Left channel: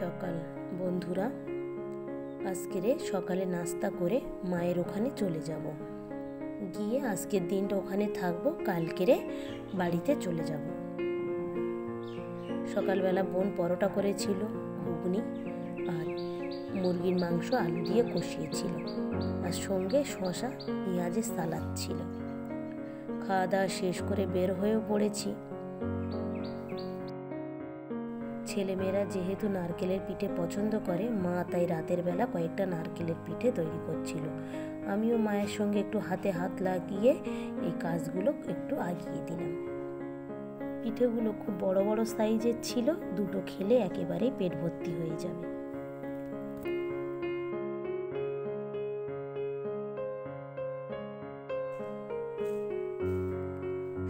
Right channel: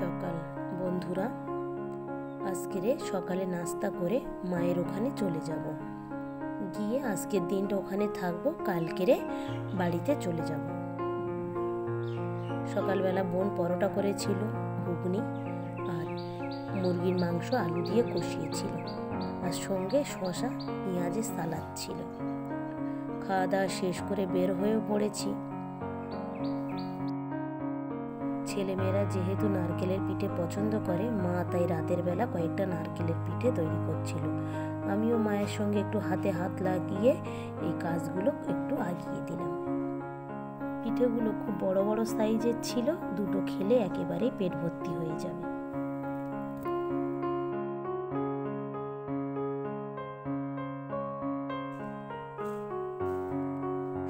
সকাল বন্ধুরা, আজকের সকালে নাস্তা করে মায়ের ওখানে চলে যাব, গিয়ে আজকের দিনটা ওখানে থাকবো, কালকেরে বাড়িতে চলে যাব। সকালবেলা বোন পরোটা করেছিল, ঘুগনি আর মুরগির মাংস আলু দিয়ে কষিয়েছিল, আর সঙ্গে শসা পেঁয়াজের সালাদ ছিল। খাওয়া দাওয়া শেষ করে বের হয়েও পড়েছি। ছেলেমেয়েরা যেহেতু নারকেলের পিঠে পছন্দ করে, মা তাই রাতের বেলা কয়েকটা নারকেলের পিঠে তৈরি করছিল। আমিও মায়ের সঙ্গে একটু হাতে হাত লাগিয়ে এই কাজগুলো একটু এগিয়ে দিলাম। পিঠেগুলো খুব বড় বড় সাইজের ছিল, দুটো খেলে একেবারেই পেট ভর্তি হয়ে যাবে।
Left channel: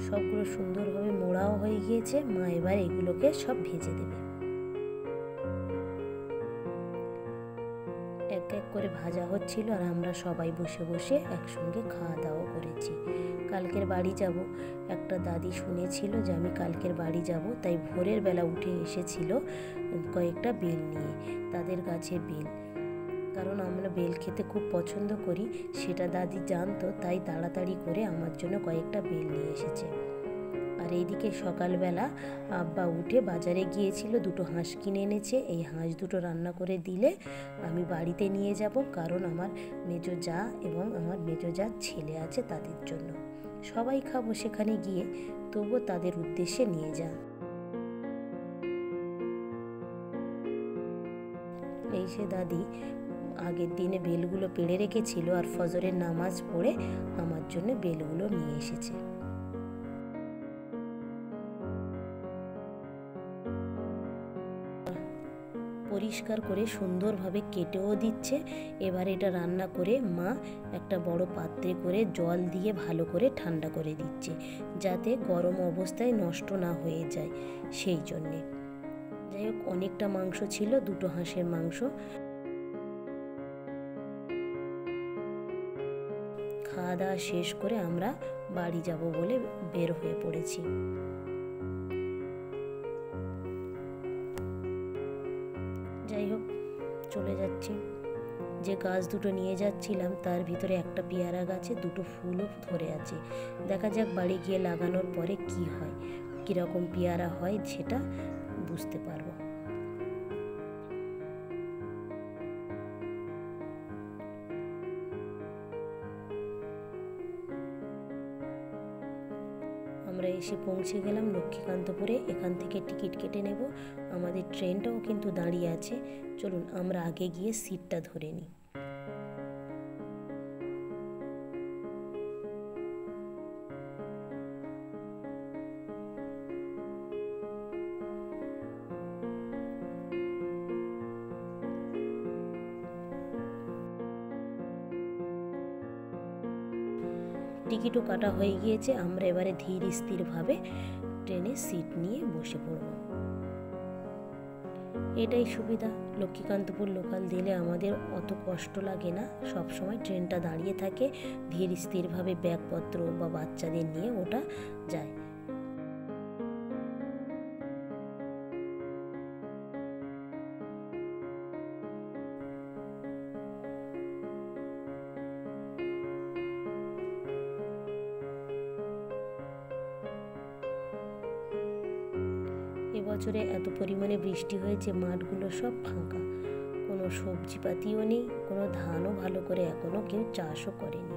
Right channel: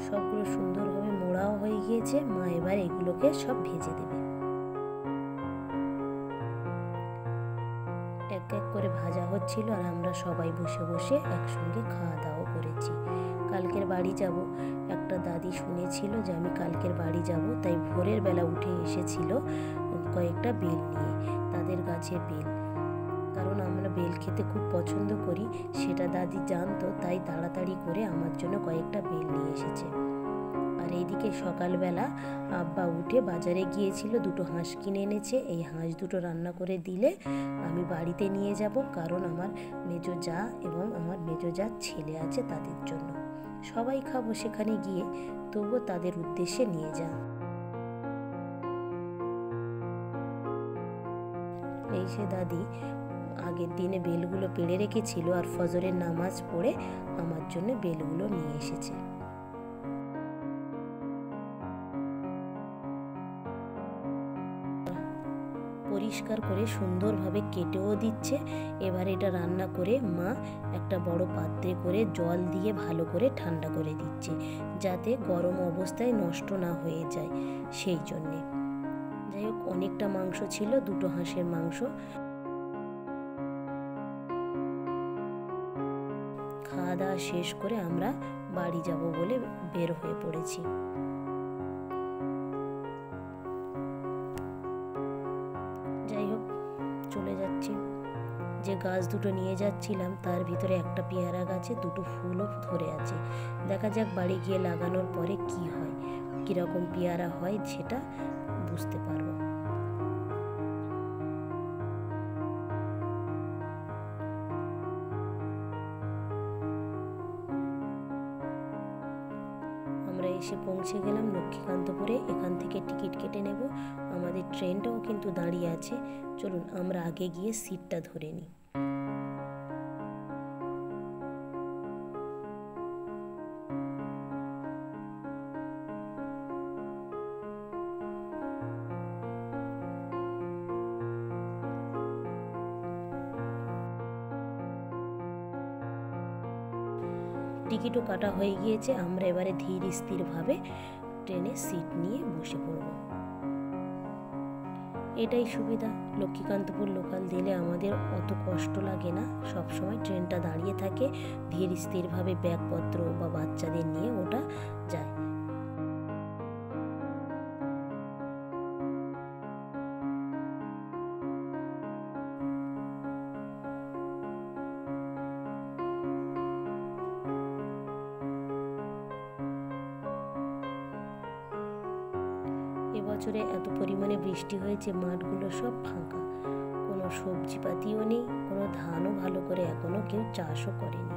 সবগুলো সুন্দরভাবে মোড়াও হয়ে গিয়েছে। মা এবার এগুলোকে সব ভেজে দেবে। এক এক করে ভাজা হচ্ছিল, আর আমরা সবাই বসে বসে একসঙ্গে খাওয়া দাওয়া করেছি। কালকের বাড়ি যাব, একটা দাদি শুনেছিল যে আমি কালকের বাড়ি যাব, তাই ভোরের বেলা উঠে এসেছিল কয়েকটা বেল নিয়ে, তাদের গাছের বেল। কারণ আমরা বেল খেতে খুব পছন্দ করি, সেটা দাদি জানতো, তাই তাড়াতাড়ি করে আমার জন্য কয়েকটা বেল নিয়ে এসেছে। আর এইদিকে সকালবেলা আব্বা উঠে বাজারে গিয়েছিল, দুটো হাঁস কিনে এনেছে। এই হাঁস দুটো রান্না করে দিলে আমি বাড়িতে নিয়ে যাব, কারণ আমার মেজো জা এবং আমার মেজো জার ছেলে আছে, তাদের জন্য। সবাই খাবো সেখানে গিয়ে, তবুও তাদের উদ্দেশ্যে নিয়ে যা। এই সে দাদি আগের দিনে বেলগুলো পেড়ে রেখেছিল, আর ফজরের নামাজ পড়ে আমার জন্য বেলগুলো নিয়ে এসেছে। পরিষ্কার করে সুন্দরভাবে কেটেও দিচ্ছে। এবার এটা রান্না করে মা একটা বড় পাত্রে করে জল দিয়ে ভালো করে ঠান্ডা করে দিচ্ছে, যাতে গরম অবস্থায় নষ্ট না হয়ে যায়, সেই জন্যে। যাই হোক, অনেকটা মাংস ছিল, দুটো হাঁসের মাংস। খাওয়া দাওয়া শেষ করে আমরা বাড়ি যাব বলে বের হয়ে পড়েছি। যাই হোক, চলে যাচ্ছি। যে গাছ দুটো নিয়ে যাচ্ছিলাম তার ভিতরে একটা পেয়ারা গাছে দুটো ফুলও ধরে আছে। দেখা যাক বাড়ি গিয়ে লাগানোর পরে কি হয়, কিরকম পেয়ারা হয় সেটা বুঝতে পারবো। আমরা এসে পৌঁছে গেলাম লক্ষ্মীকান্তপুরে। এখান থেকে টিকিট কেটে নেব। আমাদের ট্রেনটাও কিন্তু দাঁড়িয়ে আছে। চলুন আমরা আগে গিয়ে সিটটা ধরে নিই। টিকিটও কাটা হয়ে গিয়েছে। আমরা এবারে ধীর স্থিরভাবে ট্রেনে সিট নিয়ে বসে পড়ব। এটাই সুবিধা, লক্ষ্মীকান্তপুর লোকাল দিলে আমাদের অত কষ্ট লাগে না। সব সময় ট্রেনটা দাঁড়িয়ে থাকে, ধীর স্থিরভাবে ব্যাগপত্র বা বাচ্চাদের নিয়ে ওটা যায়। এবছরে এত পরিমাণে বৃষ্টি হয়েছে, মাঠগুলো সব ফাঁকা, কোনো সবজিপাতিও নেই, কোনো ধানও ভালো করে এখনো কেউ চাষও করেনি।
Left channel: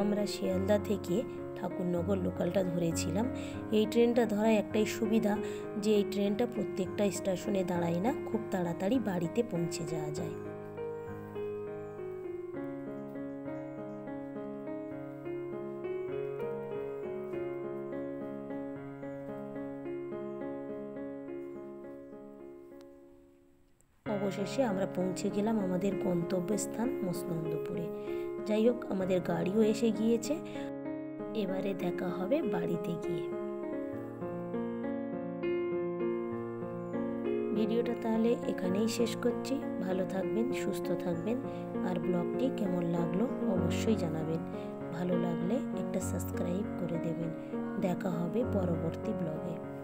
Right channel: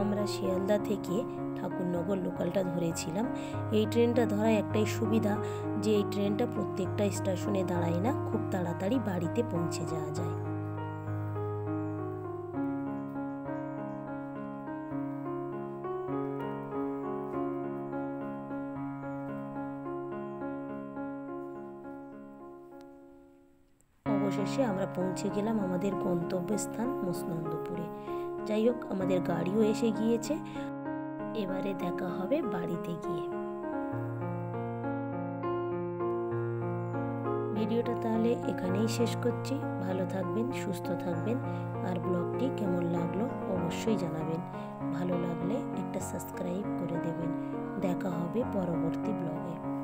আমরা শিয়ালদা থেকে ঠাকুরনগর লোকালটা ধরেছিলাম। এই ট্রেনটা ধরার একটাই সুবিধা, যে এই ট্রেনটা প্রত্যেকটা স্টেশনে দাঁড়ায় না, খুব তাড়াতাড়ি বাড়িতে পৌঁছে যাওয়া যায়। অবশেষে আমরা পৌঁছে গেলাম আমাদের গন্তব্যস্থান মসনন্দপুরে। যাই হোক, আমাদের গাড়িও এসে গিয়েছে। এবারে দেখা হবে বাড়িতে গিয়ে। ভিডিওটা তাহলে এখানেই শেষ করছি। ভালো থাকবেন, সুস্থ থাকবেন, আর ব্লগটি কেমন লাগলো অবশ্যই জানাবেন। ভালো লাগলে একটা সাবস্ক্রাইব করে দেবেন। দেখা হবে পরবর্তী ব্লগে।